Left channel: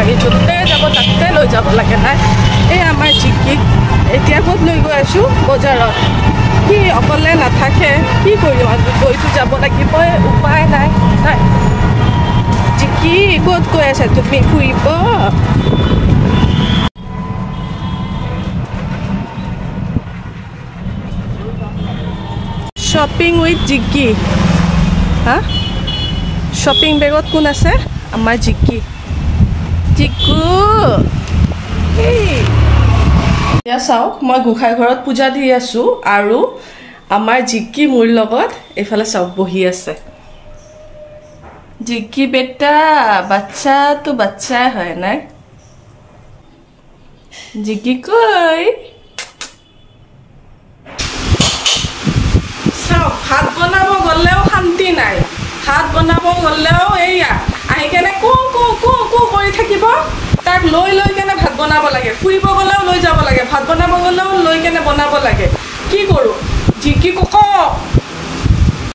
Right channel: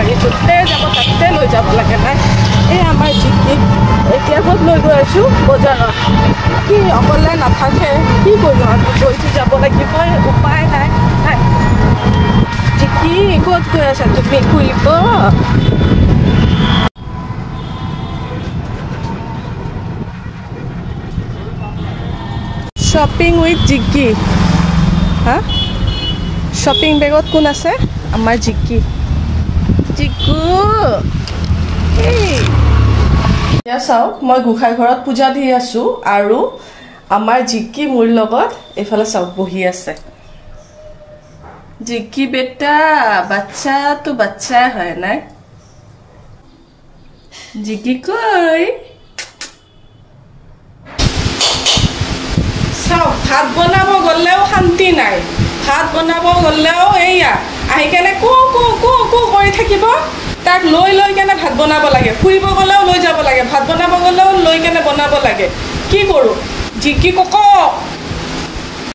নোৱাৰি য'তে যাব তাতে লৈ যাব লাগে নাই এই আমাৰ জিকিক এতিয়া ক'ত লৈ গৈ আছোঁ বজাৰত সি অকলে নাথাকে কি কৰিম আমি গৈতো যাব লাগিব উপায় নাই নাই জিকি ক'ত গৈ আছে তুমি ফুৰিব শ্বপিং উইথ জিকি হা শ্বপিং বেগত কোন আছে আমাৰ জিকি জিকু এতিয়া চাওক মই গোঁসাই ঘৰত পূজা দি আছোঁ আৰু আমাৰ জিকি মোৰ লগত এইফালে চাওক বহি আছে জিকি বেটা বাচ্চা তো বাচ্চাই হয় নাই জিকি কৈ চাওক ভাত বনাব গ'লেও শান্তি নাই ভাত বনাব গ'লেও এইয়া আহি কেনে কো কো কো কো কৰি থাকিব তাক লৈ লৈ কেনে ভাত বনাব লাগে ফুৰিব গ'লেও লৈ যাব লাগে ভাত বনাব গ'লেও লৈ কেনে বনাব লাগে কি কৰোঁ জিকি কক